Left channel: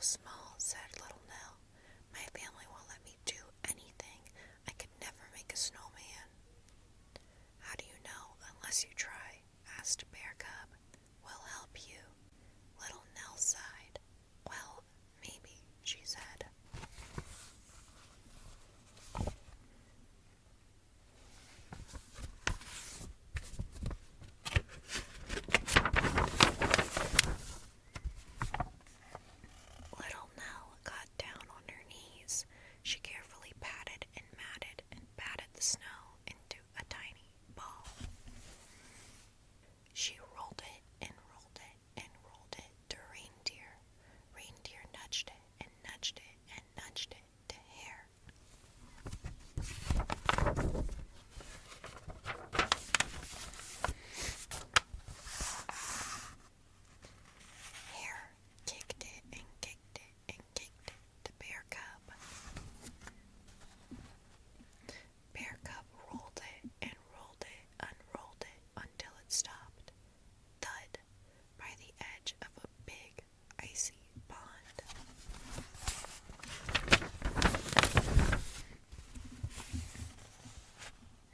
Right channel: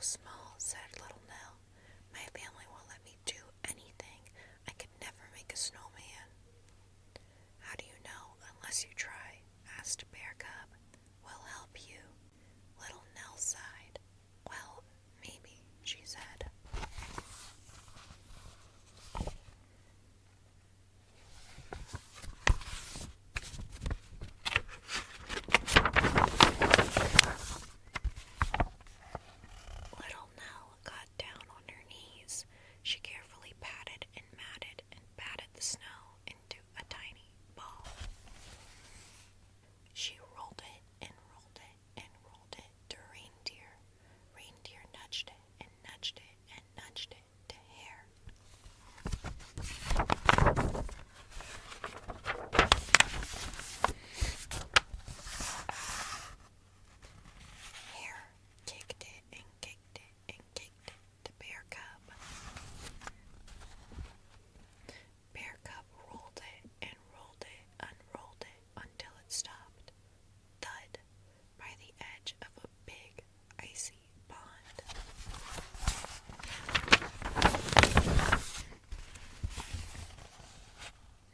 small," said little Nell. "My family won't let me do anything. I could never make a snowman." "How do you know unless you try?" asked Bear Cub. "We'll help you." Little Nell sighed. "Well, maybe," she said. Little Nell got down on her knees. She carefully patted and matted and patted the snow into a tiny ball. She rolled it and rolled it and rolled it to Reindeer. Reindeer nudged it and nudged it and nudged it to Hare. Hare kicked it and kicked it and kicked it to Bear Cub. Bear Cub rolled it and rolled it, unrolled it until it stopped, thud, by the edge of a big icy pond.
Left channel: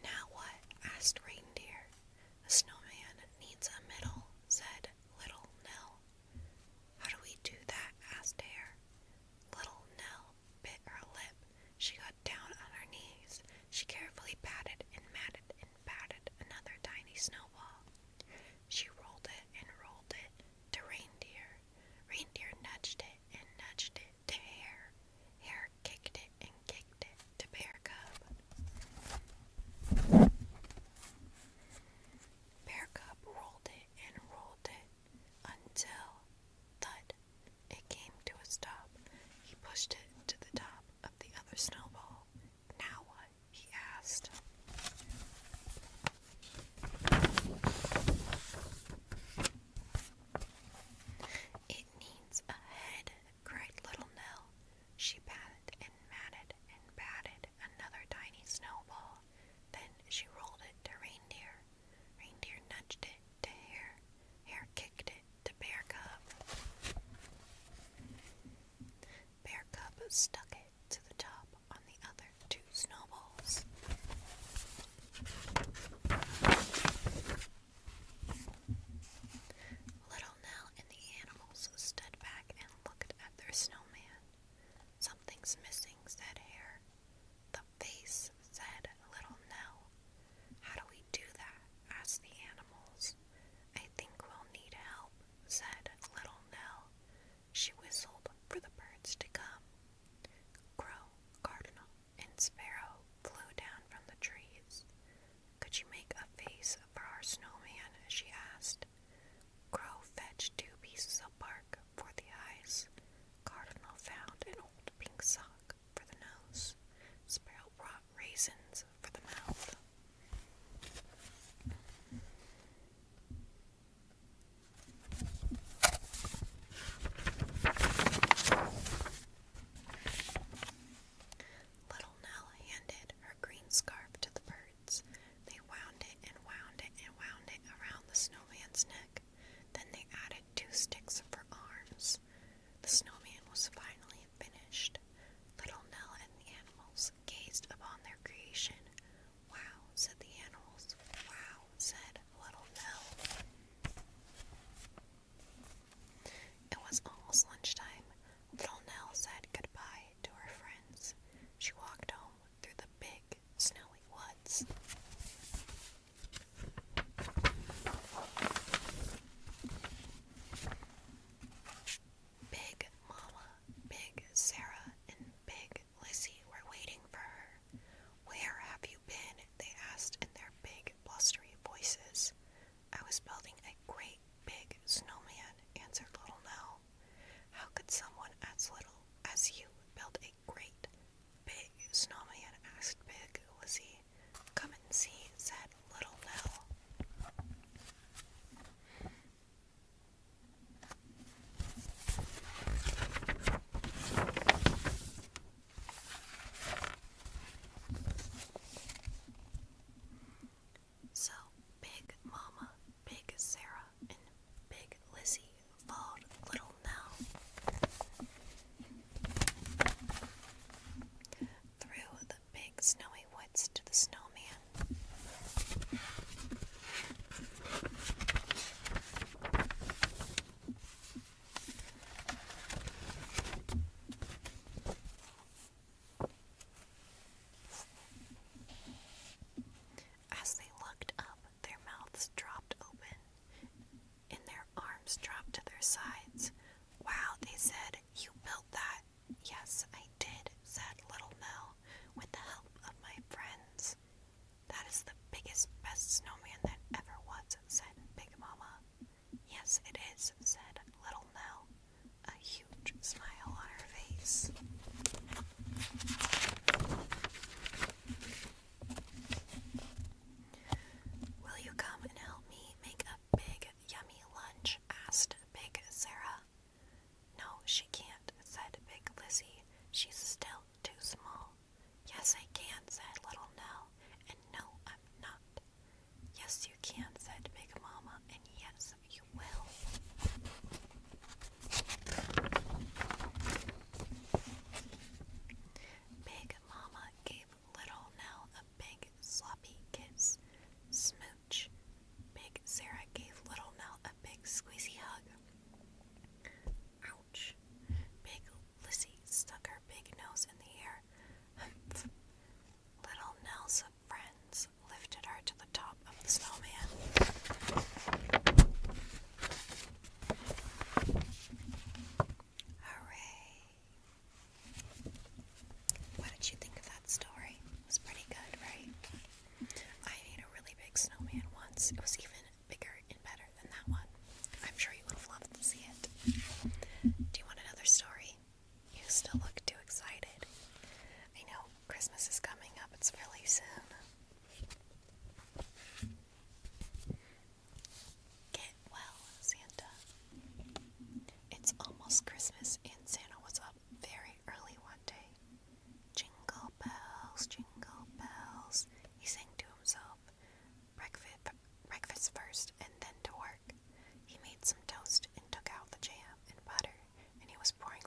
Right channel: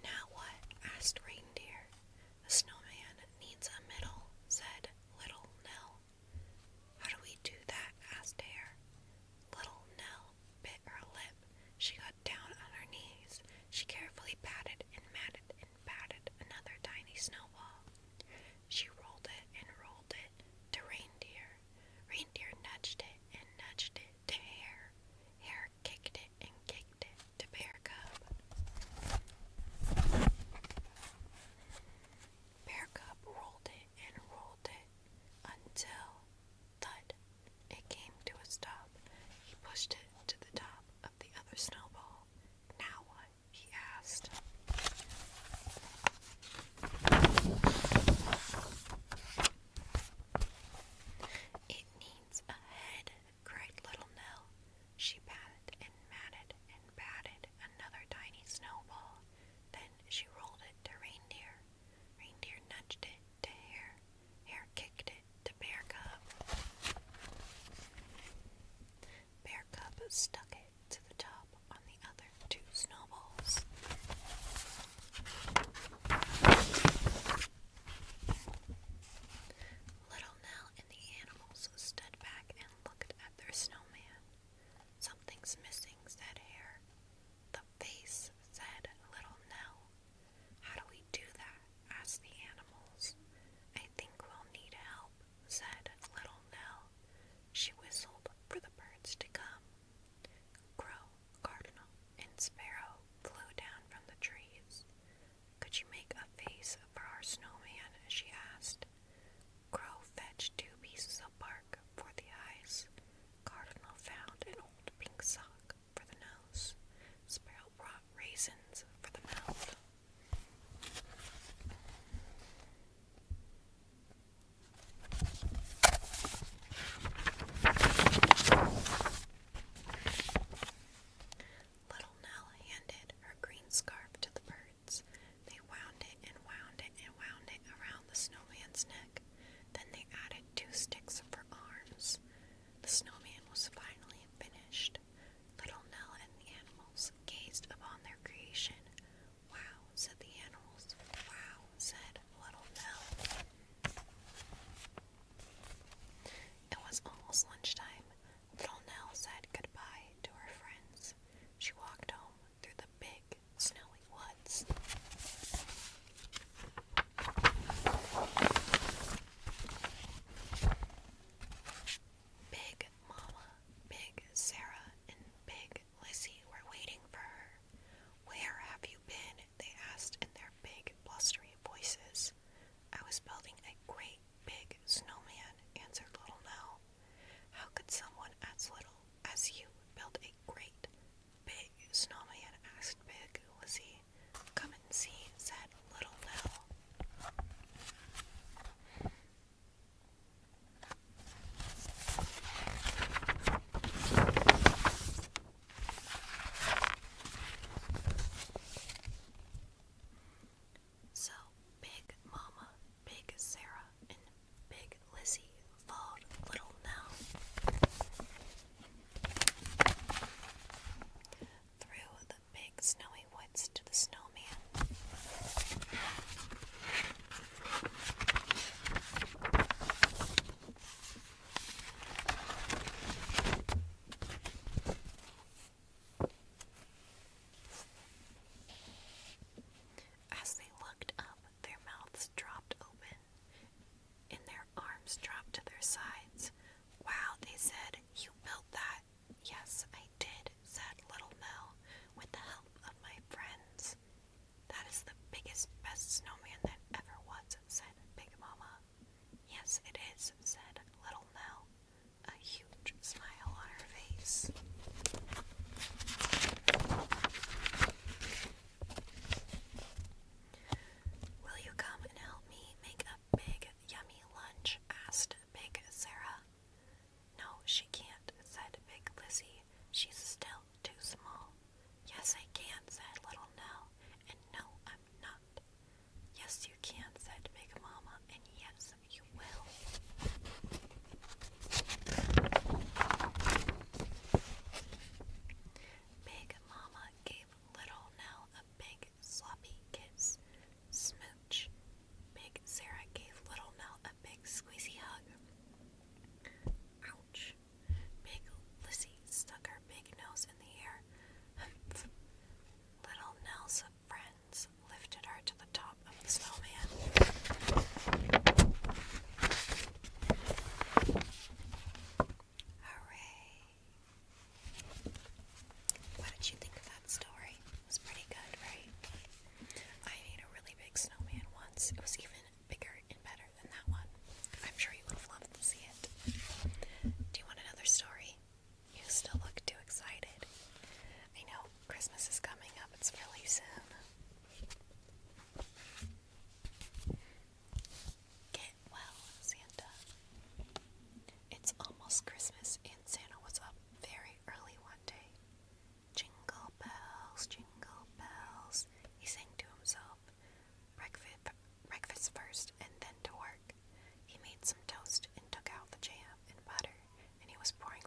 "Now what?" asked Reindeer. "The snowman needs a middle," said little Nell. "How do we do that?" asked Hare. Little Nell bit her lip. She got down on her knees. She carefully patted and matted and patted another tiny snowball. She rolled it and rolled it to Reindeer. Reindeer nudged it and nudged it to Hare. Hare kicked it and kicked it to Bear Cub. Bear Cub rolled it and rolled it until, thud, it came to a stop. He pushed it to the top of the other snowball. "Now what?" he asked. "It needs a head," cried little Nell. She patted and matted and patted another tiny snowball. Then she rolled it to Reindeer. Reindeer nudged it to Hare. Hare kicked it to Bear Cub. Bear Cub stuck it to the top on the other two snowballs. Little Nell and the animals stood back and looked at their snowman. "Something's missing," said Hare. "The face," said little Nell. "How do we do that?" asked the animals. "I think we'll need help," said little Nell. She whistled for the birds to come. Crow, cardinal, and sparrow flew down from the trees. "Could you make a face for our snowman?" she asked. Crow fetched 2 pieces of bark for the eyes. Cardinal found an old pink sock for the nose. Sparrow brought raisins for the mouth. Little Nell handed her green scarf to the birds. They wound it and wound it and wound it around the snowman's neck. Then they added 2 sticks for arms. The snowman was finally finished. Little Nell and the animals gazed upon their creation. "Wow," said the animals. "Wow," said little Nell. It was almost lunchtime. Little Nell said goodbye to her friends. She walked home through the big, snowy woods. Big Mama, Big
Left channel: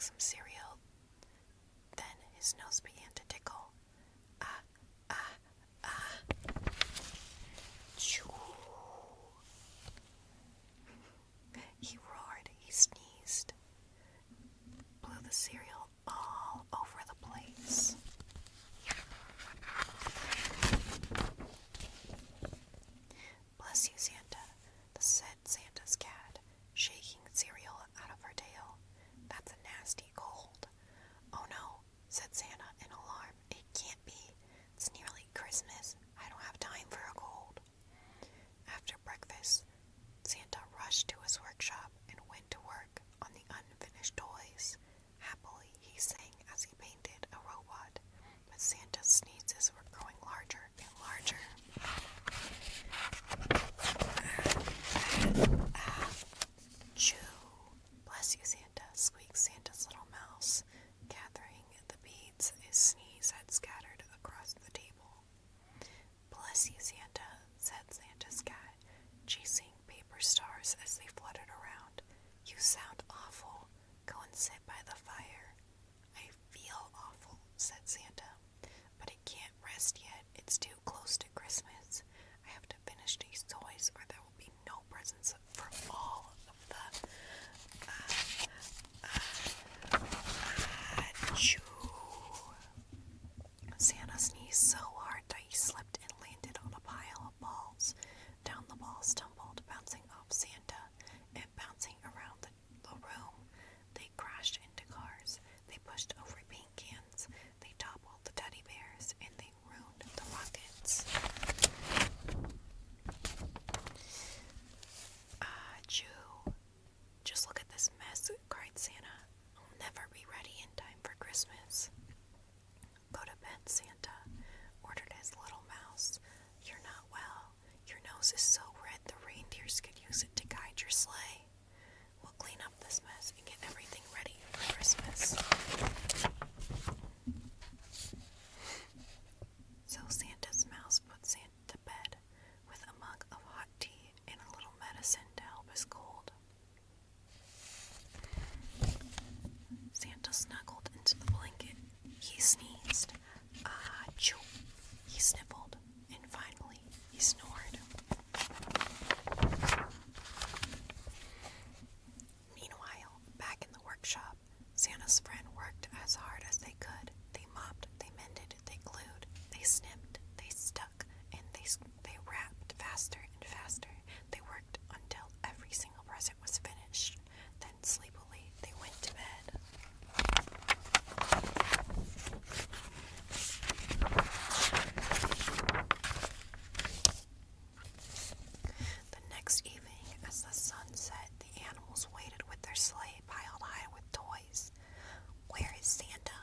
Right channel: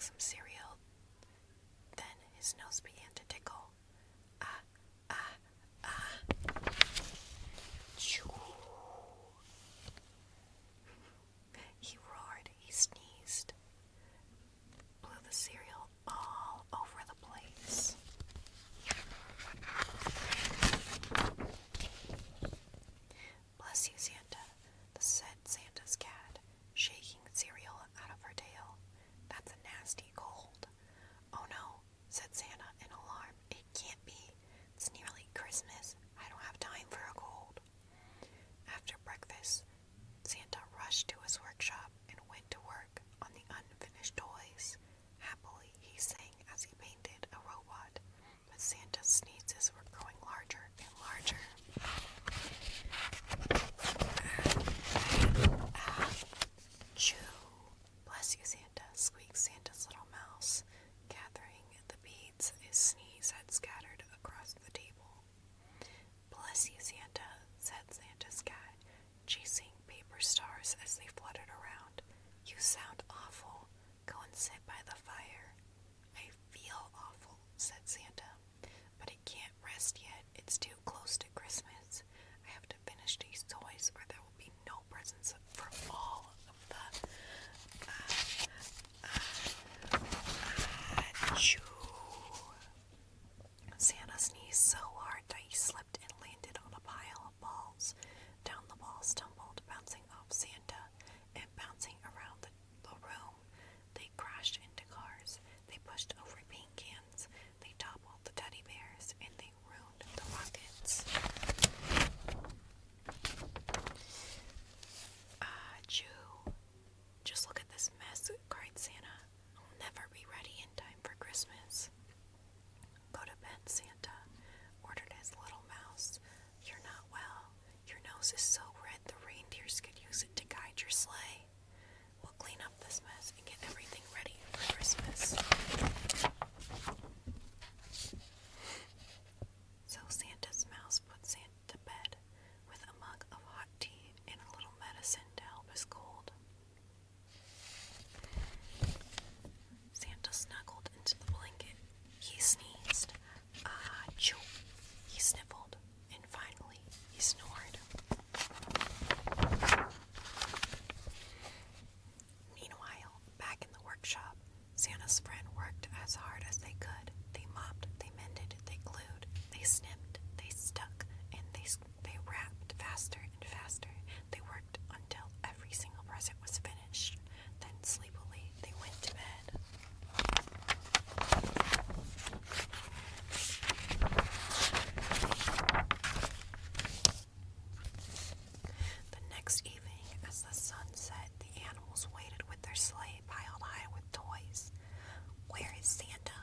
some cereal. Then his nose began to tickle. Ah, ah, ah. Choo. He roared, he sneezed, blew the cereal all over the place. Bless you, Santa, said Santa's cat, shaking cereal out of her tail. That's a nasty cold. Oh no, said Santa in alarm. It can't be. It's nearly Christmas. I don't have time for a cold. After breakfast, Santa rushed to his workshop and went to work on the unfinished toys. Happily, he sang as he painted a robot, but Santa's sneezes were growing larger and larger. Choo! Bless you, Santa, squeaked Santa's little mouse, gathering the beads his sneeze had scattered across the table. Bless you, Santa, said Santa's cat, chasing paper stars as they fluttered around. You sound awful. Go and sit by the fire. I feel awful, said Santa, but I can't rest yet. It's too close to Christmas. I have to finish these toys or there will be no presents for all of the... Achoo! Santa sneezed so hard that he slipped and landed on a pile of balls. Down the balls tumbled, bouncing off Santa and bouncing around the room. They crashed into cars. They pushed over paint cans. They toppled the teddy bears, and they ruined the rockets. Achoo! Just look at this mess, cried Santa. I'll never be ready in time for Christmas. Go to bed, Santa, ordered his little mouse. You're not well. Your nose is so red the reindeers could use it to guide your sleigh. We'll clean up this mess and get everything ready for Christmas. So Santa's mouse put Santa to bed with a mug of hot tea and a little medicine to help his cold. Santa snuggled into the blanket. He sneezed. Achoo! He sniffled. And finally, he snored. Meanwhile, back in the workshop, Santa's friend worked as hard as they could. They mopped, they mended, they glued, they snipped, they stuck, and they wrapped faster and faster. They worked until every single present was finished. Then sleepily, they went to bed. The next evening, as the sun set, the animals waited with their sleigh piled high with toys. Where is Santa?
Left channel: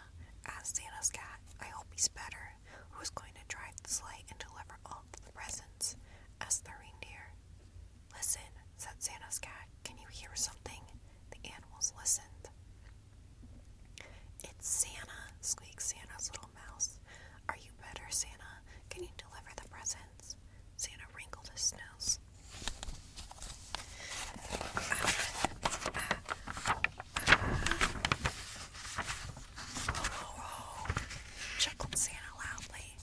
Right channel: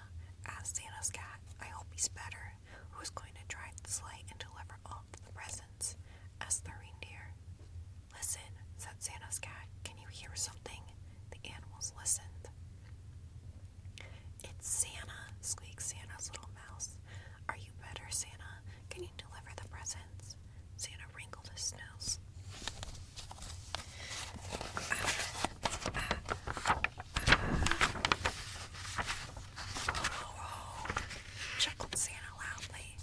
Asked Santa's cat. I hope he's better. Who's going to drive the sleigh and deliver all of the presents? Asked the reindeer. Listen, said Santa's cat. Can you hear something? The animals listened. It's Santa, squeaked Santa's little mouse. Are you better, Santa? Can you deliver the presents? Santa wrinkled his nose. Chuckled Santa loudly.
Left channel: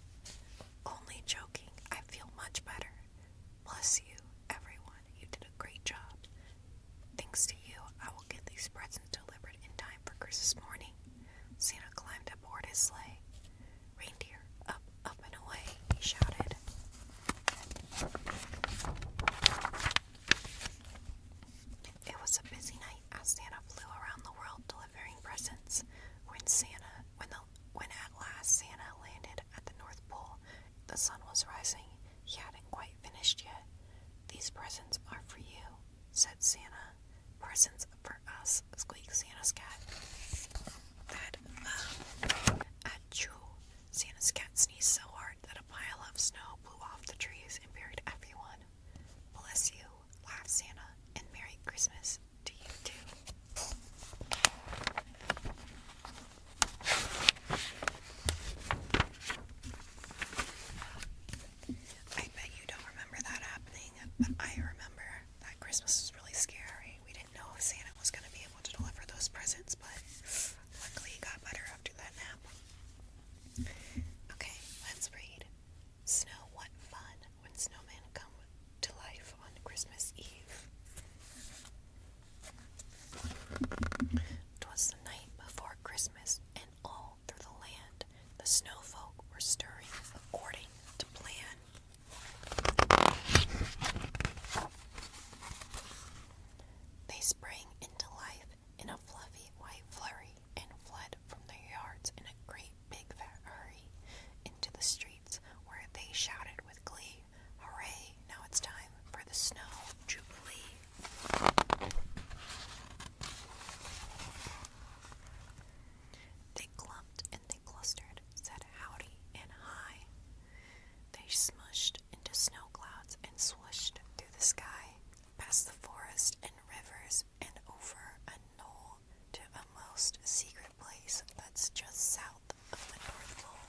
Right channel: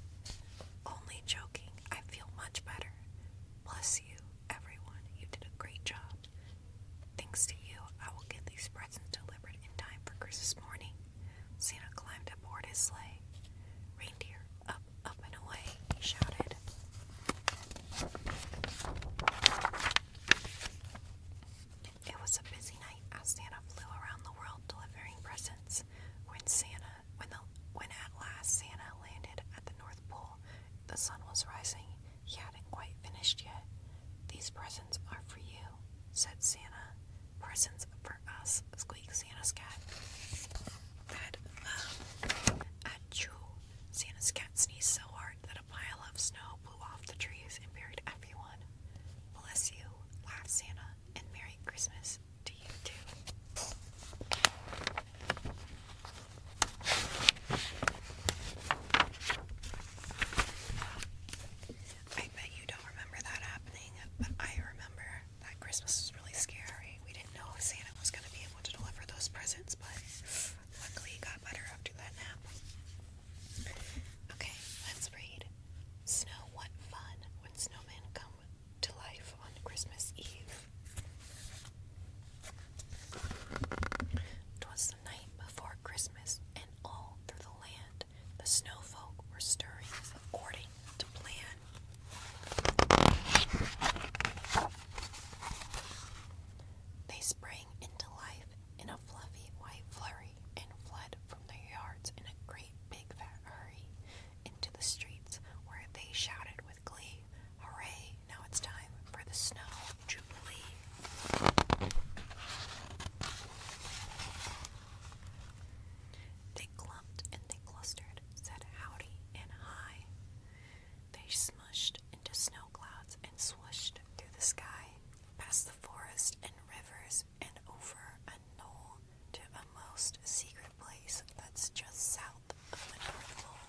Only joking. I feel much better. Bless you, everyone. You did a great job. Thanks to you, I will get these presents delivered in time for Christmas morning. Santa climbed aboard his sleigh. Reindeer, up, up and away, he shouted. It was a busy night as Santa flew around the world delivering presents. When at last Santa landed at the North Pole, the sun was rising. He hadn't quite finished yet. These presents are for you, said Santa. Presents for us, squeaked Santa's cat. Achoo! Santa's cat sneezed so hard that a pile of snow blew off the trees and buried everyone. Bless you, laughed Santa, and Merry Christmas to you too. I bet you don't remember that happening, but I remember that Christmas was really scary. We didn't know if Santa was going to be able to deliver those presents, but Christmas, and all through the land the snow folk were stirring according to plan. They sprang into life in a fluffy white flurry and fled from their yards in a great big fat hurry into the streets, where they shouted with glee, "Hooray, now it's time for the snow jubilee." They clumped and they clustered, said howdy and hi. They smushed into snow clouds and swooshed through the sky, past the forest and rivers and over a knoll to a most secret place that's just south of the North Pole.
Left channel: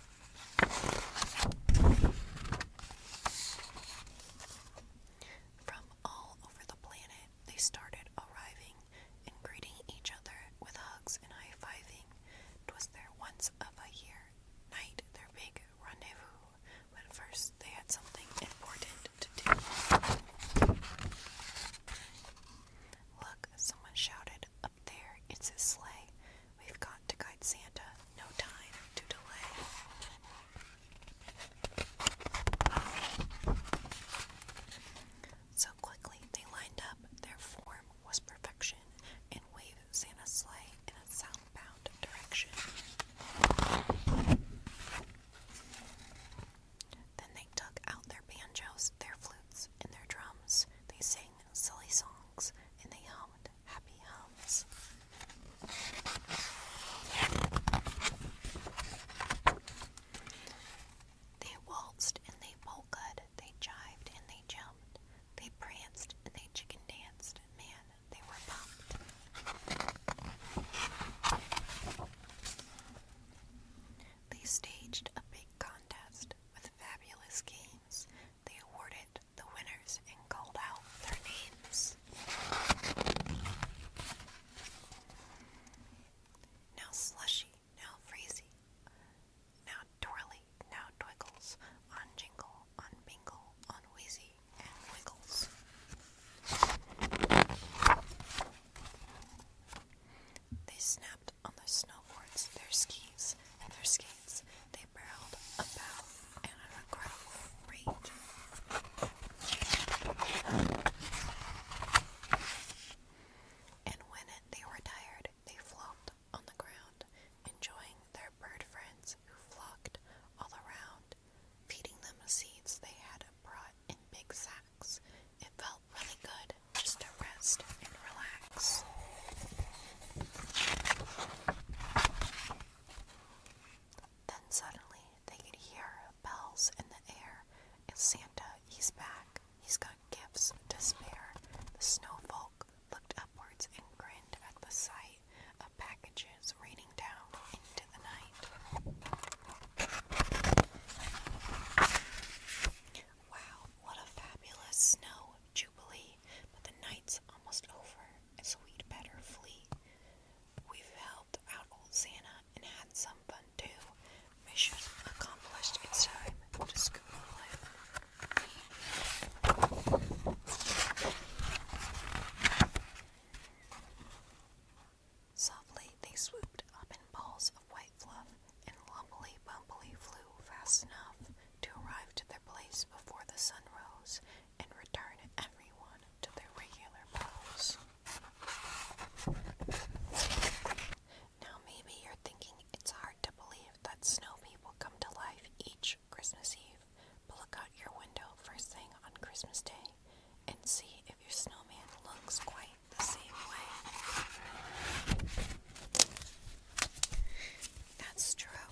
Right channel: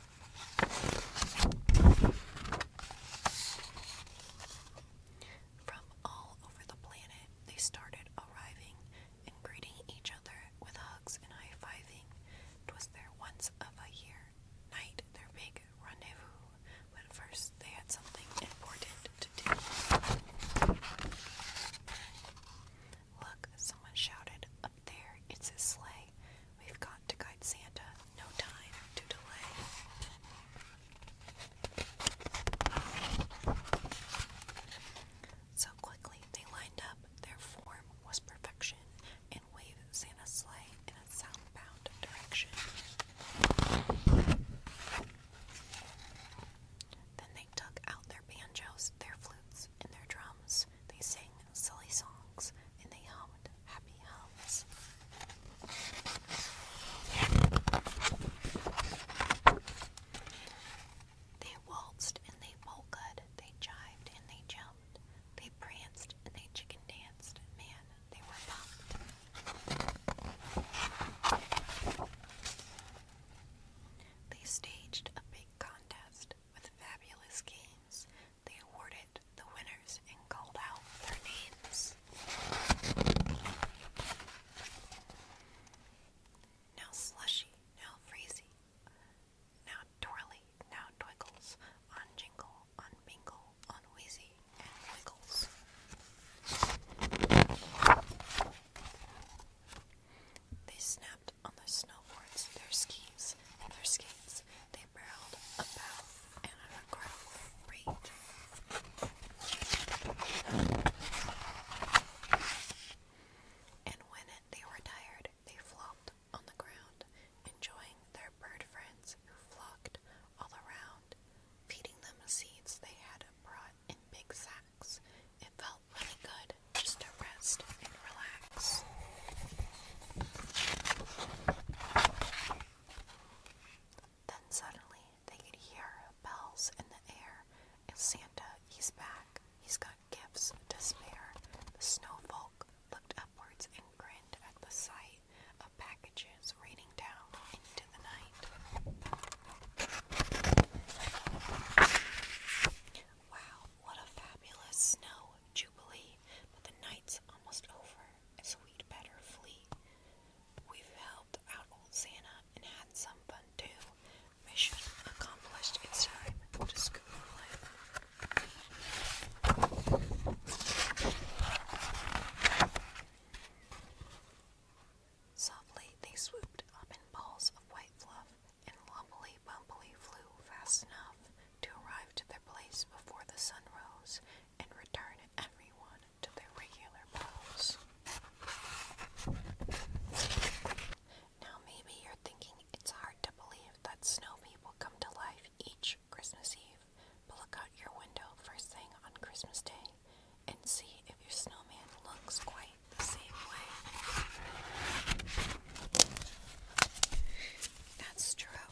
From all over the planet they started arriving and greeting each other with hugs and high-fiving. 'Twas their once of a year night, their big rendezvous, but first they had something important to do. Look, someone shouted, up there, it's his sleigh. We've got to guide Santa, no time to delay. So quickly they lined up, their form was perfection, and waved Santa's sleigh in a southbound direction. Then they took out their banjos, their flutes, and their drums. They sang silly songs, and they hummed happy hums. They waltzed and they polkaed, they jived and they jumped, they pranced and they chicken danced. Man, they were pumped. They staged a big contest with fabulous games. They awarded the winners and called out their names. Now Slushy, now Freezy, now Twirly, now Twiggles, on Jingle, on Bingle, on Wheezy and Wiggles. They snapped on their snowboards, their skis, and their skates. They barreled about at an incredible rate. And when they were tired, they flopped on the ground, enjoying their bird friends who flocked all around, feeding them seeds they had brought in big sacks. It felt really good just to rest and relax. Then suddenly they could hear bells in the air. It's Santa, he's back. He's got gifts to spare. The snow folk looked upwards and grinned at the sight of packages raining down into the night. Wow, what a fabulous snow jubilee, but the night's almost over, so we'd better flee. We've helped out old Santa and had some fun too. Mission accomplished, it's time to scoot away. Softly they swooped up in balls of white fluff, and lumpily-bumpily flew fast enough to arrive to their place before the sun rose, and return everyone to their regular pose. Now maybe you're thinking it's hard to believe that snow people come to life each Christmas Eve, but look out your window first thing on Christmas Day and see if your snowman looks quite the same way. That's true.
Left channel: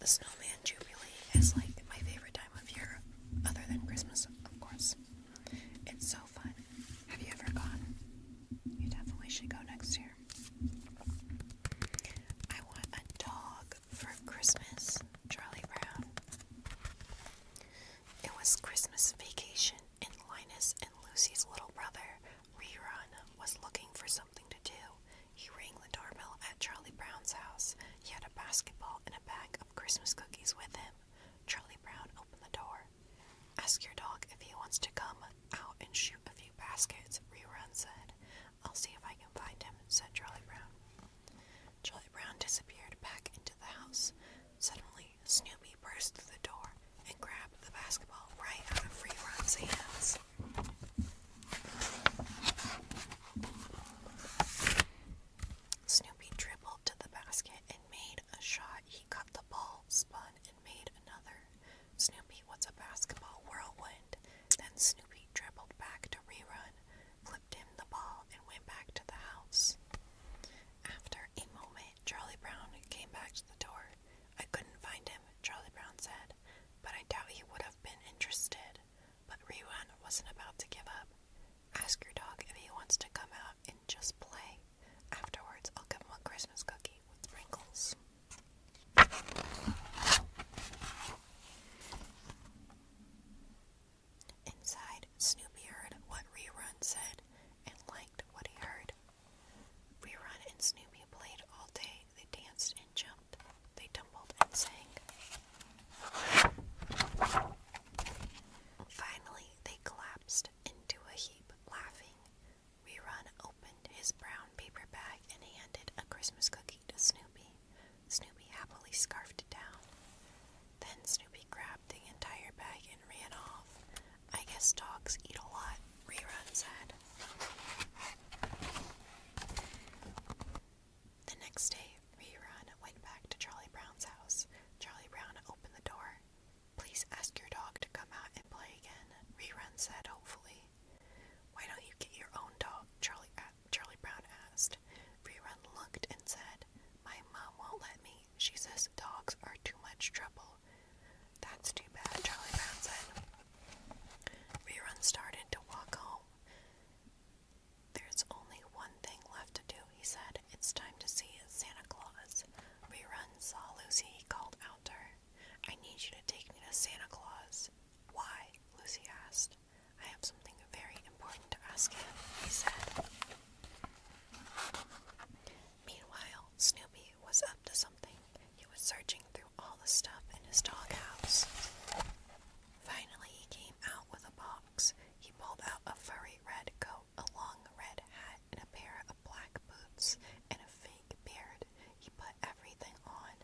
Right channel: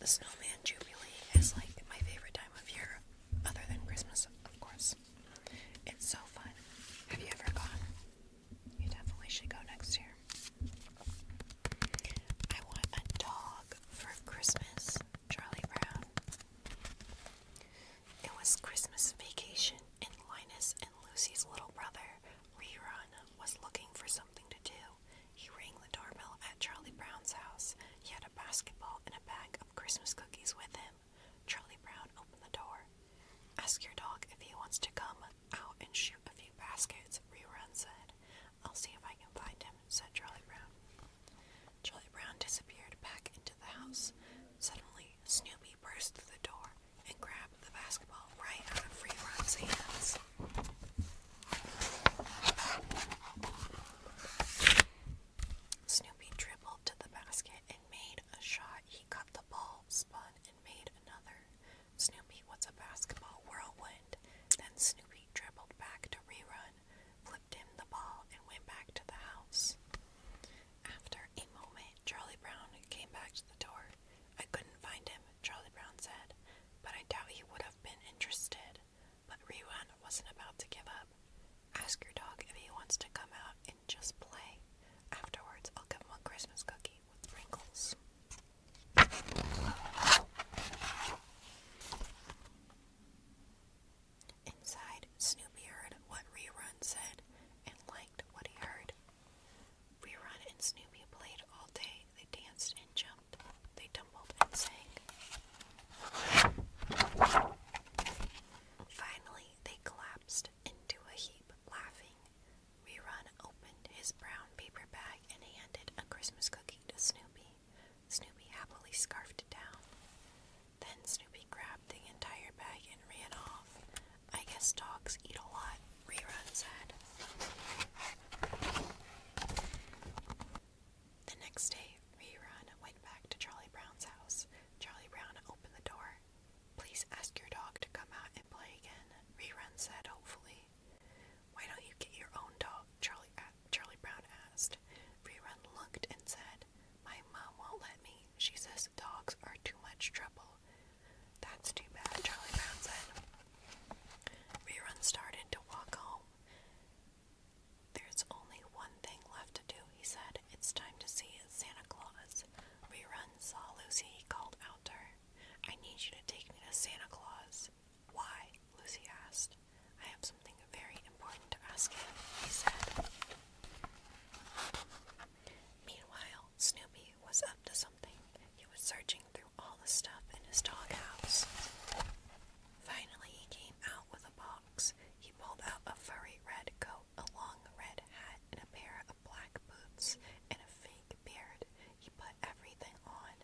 The Snowman Jubilee is like my favorite time of year, other than Christmas, of course. It's so fun. Have you ever gone? You definitely should go next year. I want a dog for Christmas, Charlie Brown. It was Christmas vacation, and Linus and Lucy's little brother, Rerun, was looking for something to do. He rang the doorbell at Charlie Brown's house. He had a basketball and a bag of Christmas cookies with him. Charlie Brown opened the door. Ask your dog if he wants to come out and shoot a few baskets, Rerun said. I'll see if I can find him, said Charlie Brown. Charlie Brown Brown disappeared back into the house. Suddenly, Snoopy burst through the door and grabbed the basketball right out of Rerun's hands. Snoopy dribbled to the basket and made a shot. He caught the ball, spun, and made another. Snoopy was a basketball whirlwind. Then Snoopy dribbled back to Rerun, flipped him the ball, and went back to the house. After a moment, Charlie Brown came back to the door. I couldn't find him, Charlie Brown said, but I doubt he would have been interested. But Rerun wasn't about to give up. Ask your dog if he wants to come out and just play. Afterwards, I'll give him a Christmas cookie with sprinkles. Inside, Snoopy heard what Rerun said and liked what he heard. Rerun and Snoopy played all day. They danced and jumped. They tumbled and sang. Finally, they collapsed into a heap, laughing. Rerun opened his brown paper bag and handed a Christmas cookie to Snoopy. Snoopy happily scarfed it down. Then Snoopy grabbed the entire bag and ran off. I guess dogs eat a lot, Rerun said. The next day, Rerun went back to Charlie Brown's house. Charlie Brown opened the door. Please ask your dog to come out and play again, Rerun said hopefully. Why don't you get your own dog? Charlie Brown asked. Rerun looked and said, my mom won't let me. She says dogs are too much trouble. That's too bad, Charlie Brown said. Rerun started to walk home. There's only one thing left to do, he said. It's time to see Santa Claus. Rerun saw Lucy. He called out to her. I need you to take me to Santa Claus. Why? Lucy asked. I have something very important to ask him, he said. Meanwhile, Snoopy was up to something. He was searching through all the stuff in his doghouse. Finally, he came out with a box. He pulled out a furry red coat, a long red hat, and a pair of black boots, and a fake beard. He put everything on.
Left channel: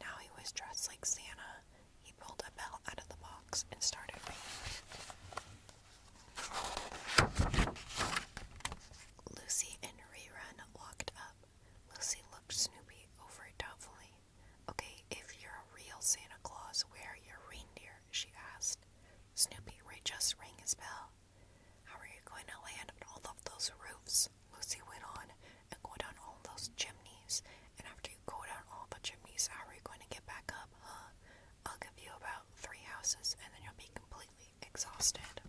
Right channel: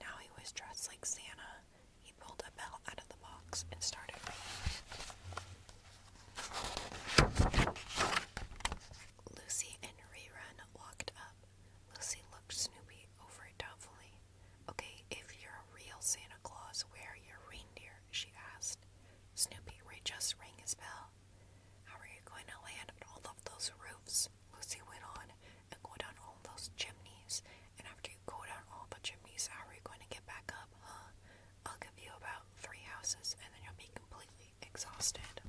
Now he was dressed like Santa. He pulled a bell out of the box and started ringing it. Lucy and Rerun walked up. Lucy looked Snoopy over doubtfully. Okay, if you're a real Santa Claus, where are your reindeer? She asked. Snoopy just rang his bell. How are you going to land on all of those roofs? Lucy went on. And go down all those chimneys. And after you go down all the chimneys, how are you going to get back up, huh? I'll give you about 3 houses, and then you'll be completely exhausted.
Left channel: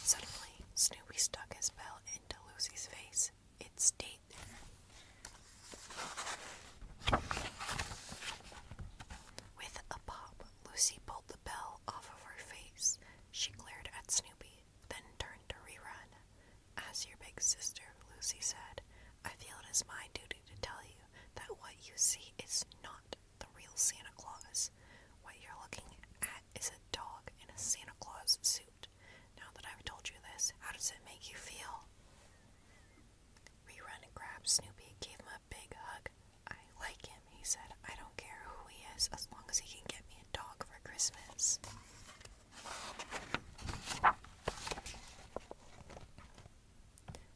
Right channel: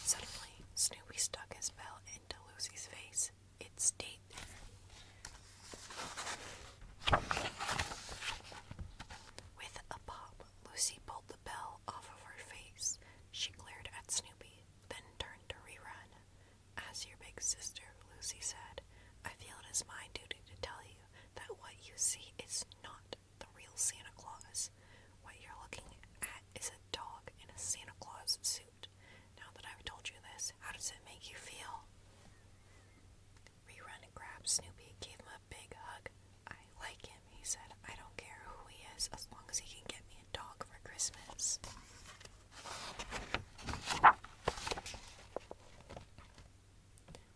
Suddenly, Snoopy stuck his bell into Lucy's face. It stayed there. With a pop, Lucy pulled the bell off of her face. She glared at Snoopy, then turned to Rerun. As your big sister, Lucy said, I feel it is my duty to tell you that what you see is not the real Santa Claus. What you're looking at is a dog in a Santa Claus suit. Now that I've told you this, how does it make you feel? Rerun grabbed Snoopy, gave him a big hug. I like him, he said. I don't care who he is, as long as he can get me a dog for Christmas.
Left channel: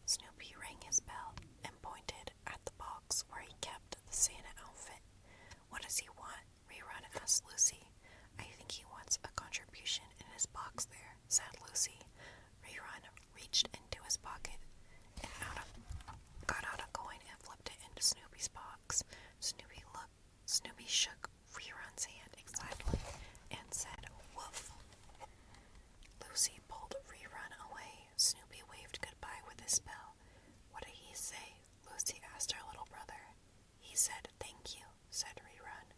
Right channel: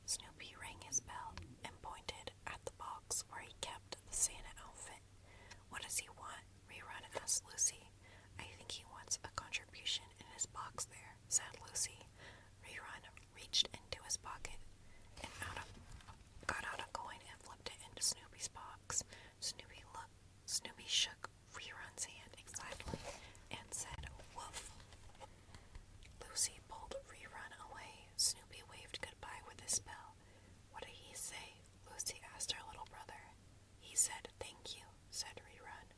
Snoopy rang his bell and pointed at the box where he kept the Santa outfit. What does he want? Rerun asked Lucy. I think he wants a contribution in his box there, said Lucy. Rerun reached into his pocket and got out a coin and flipped it into Snoopy's box. Snoopy shook Rerun's hand excitedly and said, woof. Lucy pulled Rerun away. Snoopy waved goodbye with his bell. What did he say? Lucy asked her little brother. He said, thank you, said Rerun.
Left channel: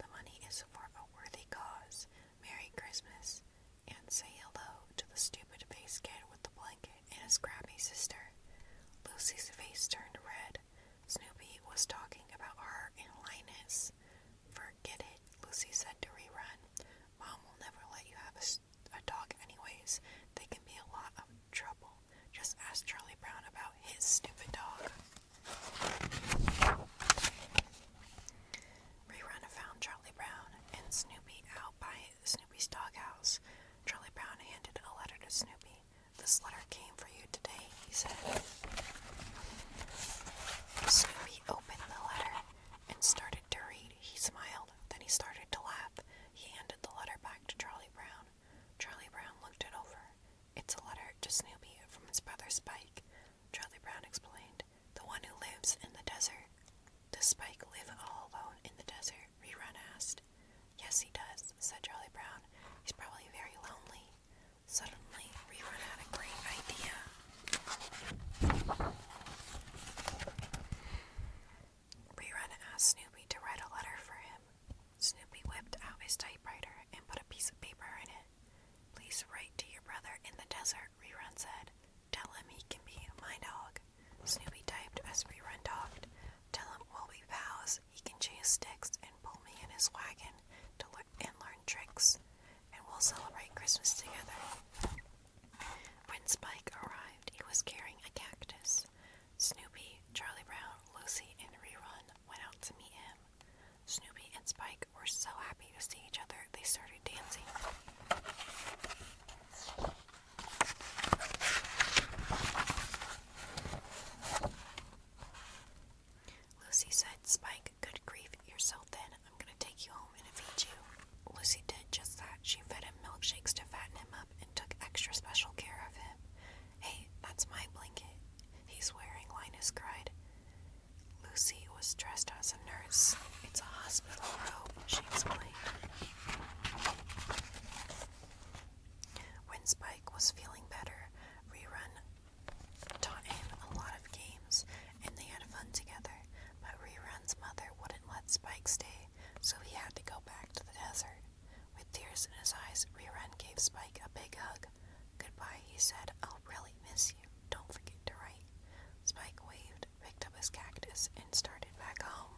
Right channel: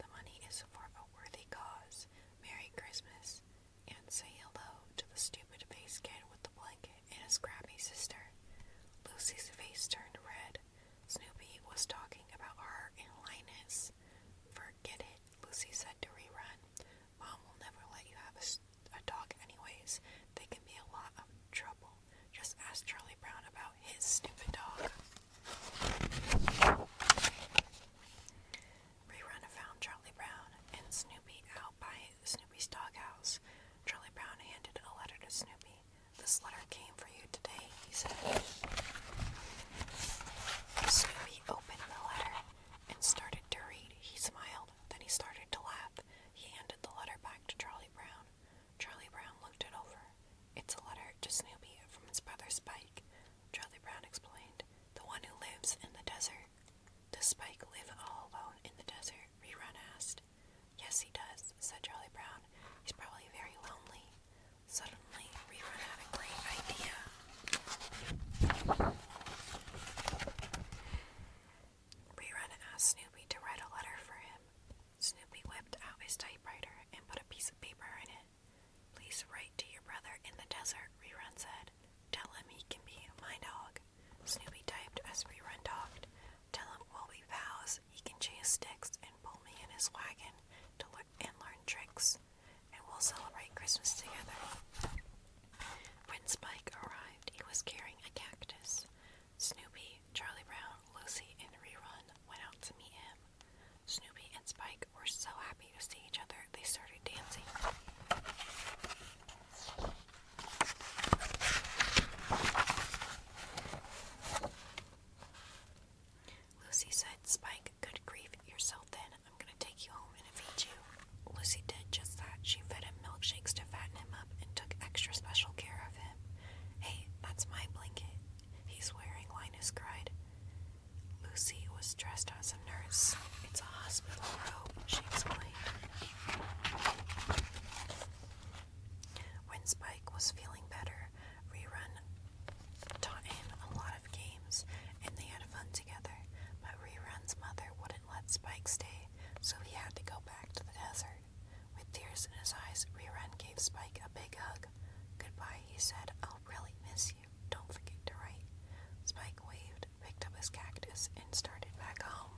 The money is for a worthy cause. Merry Christmas. And say hello to the stupid-faced kid with the blanket and his scrappy sister. Lucy's face turned red. Snoopy was talking about her and Linus. Forget it, Lucy said to Rerun. Mom will never let you have a dog anyways. They can be a lot of trouble. Just ask Charlie Brown about his stupid dog. his typewriter and put a piece of paper in it. Please write to your brother in the desert, Rerun said. Tell him he can be my dog. Snoopy typed as Rerun talked. Tell him we'll be pals. He can chase sticks and pull me in his wagon and learn tricks. And we'll celebrate Christmas together. When Spike arrived, he was carrying a cactus. Snoopy, Charlie Brown, Lucy, and Rerun went out to meet him. Snoopy and Spike were so happy to see each other, they started dancing. Lucy said, Spike, good grief, you're so thin. I'm gonna take you home and feed you. Lucy did just that. She fed him milkshakes to fatten him up and took extra special care of him. Hey, that's my blanket he's wearing, Linus cried. Lucy was dressed as a nurse. It's a hospital robe, she explained. When Spike was feeling better, Rerun taught him a lot of games, and they had fun together. But Rerun's mother wouldn't let Spike stay, so he had to go back to the desert. With tears in his eyes, Rerun gave Spike a big hug. Goodbye, he said. I'll really miss you. Don't forget to write. Spike waved, picked up his cactus, and started back home.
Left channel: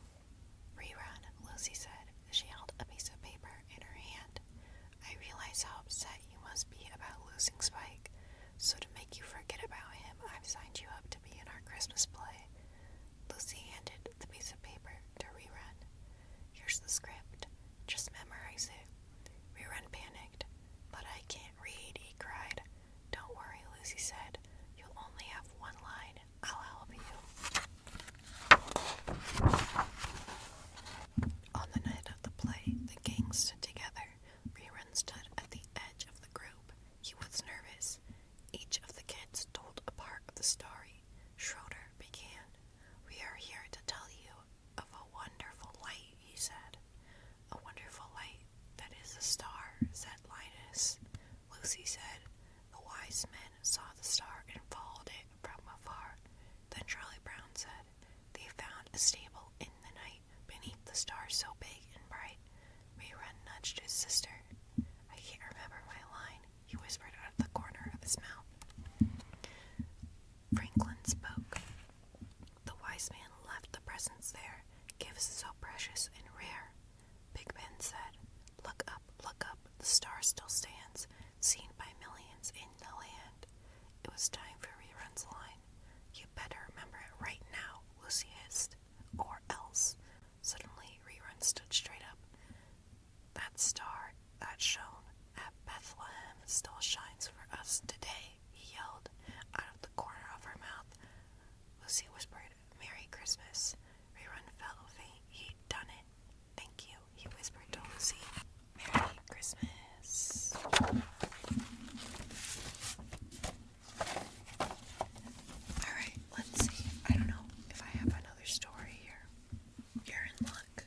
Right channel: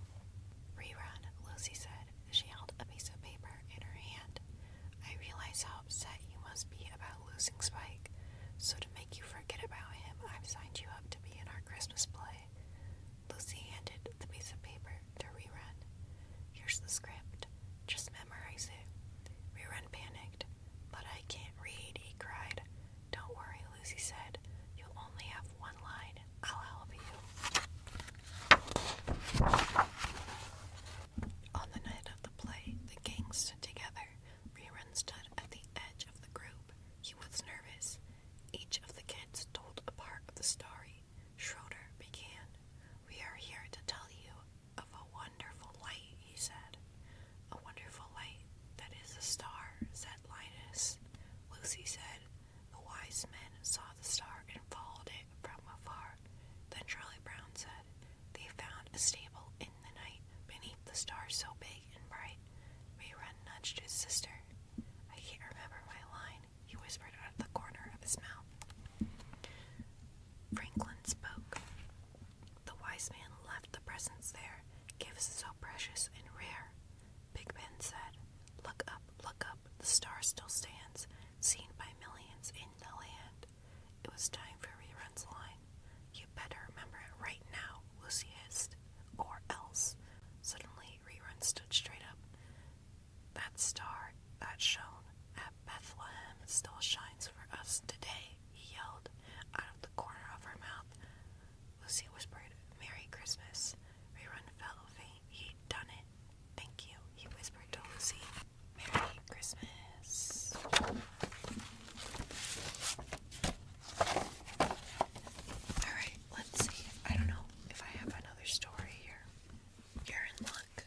Rerun, Lucy said. She held a piece of paper in her hand. I realize how upset you must be about losing Spike. So to make you forget about him, I've signed you up to be in our Christmas play. Lucy handed the piece of paper to Rerun. Here's the script. Just memorize it. Rerun panicked. But I can't read, he cried. Don't worry, Lucy said. You'll only have one line. I'll help you. On the night of the play, the gang stood together. Rerun stood at the edge of the group. He was nervous. Each of the kids told a part of the story. Schroeder began. We are here to tell you of a wonderful light, he said. A wonderful light that is a star, said Linus. Lucy said, the wise men saw the star and followed it from afar. Then Charlie Brown said, they found a stable in the night beneath the star so big and bright. Rerun nudged his sister. I can't remember my line, he whispered out of the corner of his mouth. Franklin spoke. The wise man left the presents there, gifts so precious and rare. Big Ben said, look up, the star still stands, seen by millions in the land. It was time for Rerun's line. You better remember it right now, Lucy hissed, or else. Suddenly, Rerun stood straight up. That star that shone at Bethlehem still shines for us today, he yelled out of the corner of her mouth. Lucy whispered, Merry Christmas. Rerun felt faint. He'd done it. Thank you, he whispered to Lucy. Merry Christmas. Alright, let's see. I don't know if I have another story here. You're in luck.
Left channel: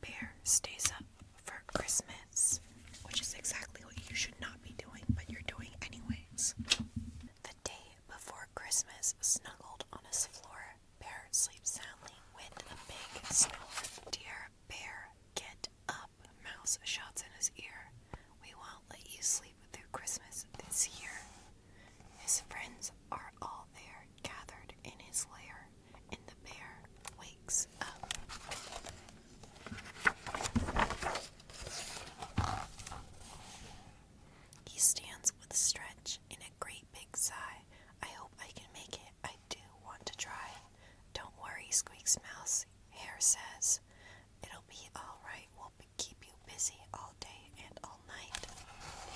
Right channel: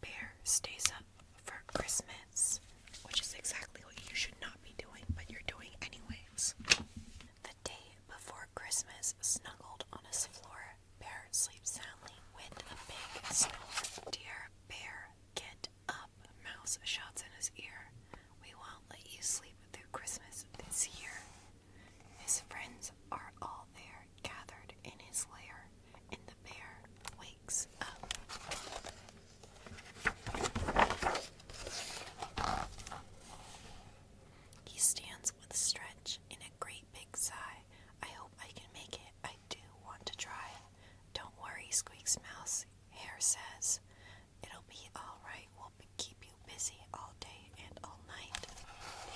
Bear stays up for Christmas, which is exactly what you should not be doing, but you're doing anyways. The day before Christmas, snuggled on his floor, Bear sleeps soundly with a big snore. Dear Bear, get up, Mouse shouts in his ear. We won't let you sleep through Christmas this year. His friends are all there, gathered in his lair, and the bear wakes up. He stands with a stretch and a great big sigh. I hope I can make it. I do want to try. Don't worry, squeaks Mouse. Hare says, it'll be all right. We'll keep you busy all day and all night.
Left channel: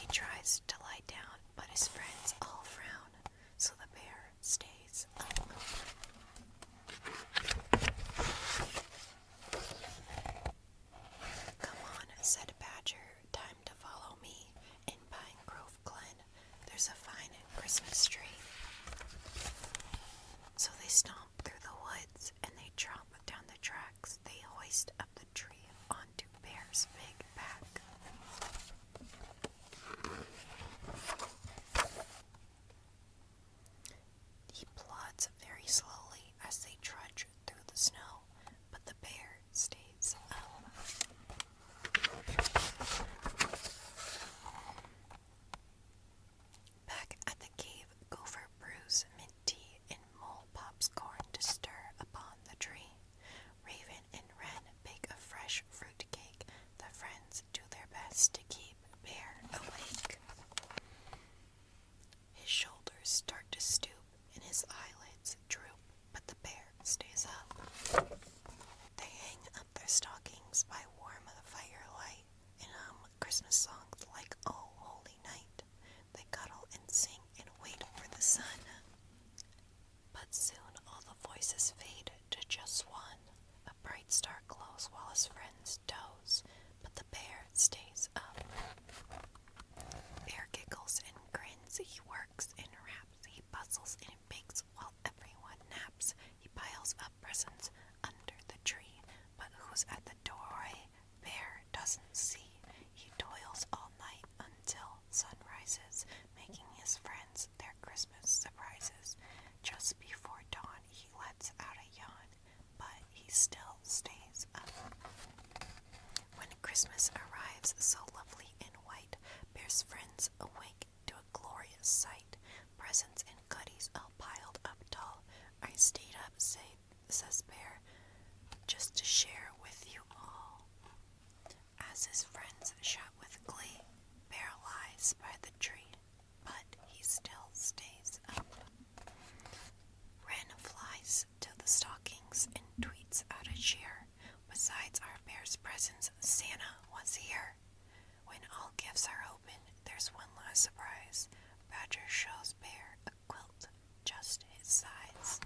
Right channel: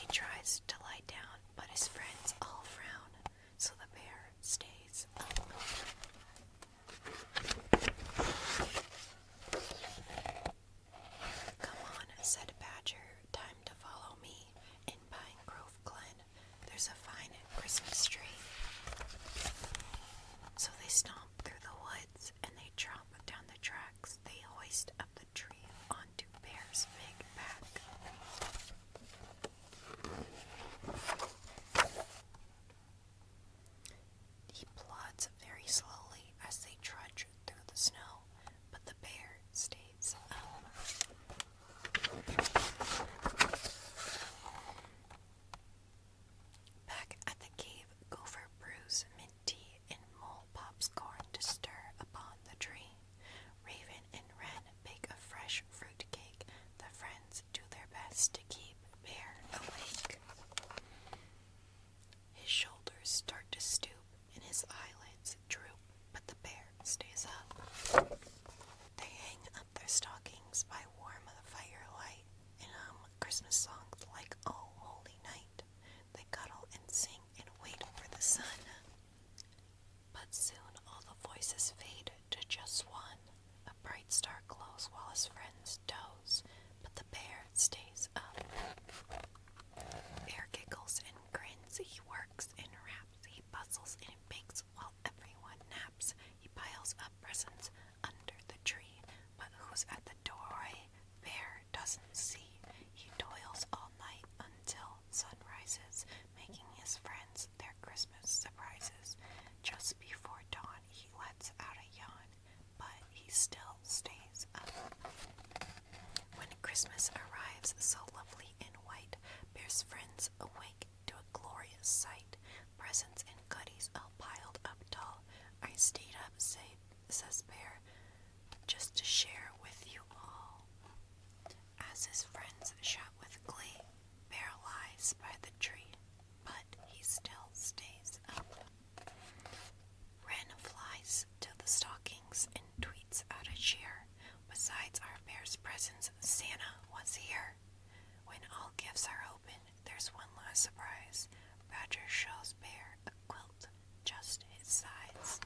He tries to lie down, but his friends all frown, so the bear stays up. Come on, said Badger. Time to follow me. In Pine Grove Glen, there's a fine Christmas tree. So they stomp through the woods and they tromp down the tracks. They hoist up the tree onto Bear's big back. He plods very slowly as they trudge through the snow, but the bear stays up. chuckles while his friends doze, but the bear stays up. Bear giggles and grins, he works and raps, he bustles and bakes while everyone naps. He piles up presents under the tree, but who's at the doorway? Bear doesn't see. He toils all night until sun rises, making his friends their Christmas surprises. Just before dawn, he lets out a yawn, but he still stays up. When Christmas arrives, so lovely and white, Bear's friends awake to a glorious sight. Presents and goodies all piled up tall. I stayed up, says Bear, just to share with you all. As his friends shout with glee, Bear lies by the tree, but he still stays up. Wren flies to the stockings and tweets out a cheer. Besides our bear's presents, Santa was here. When all gifts are open, there's one last surprise. Badger shows Bear a quilt just his size.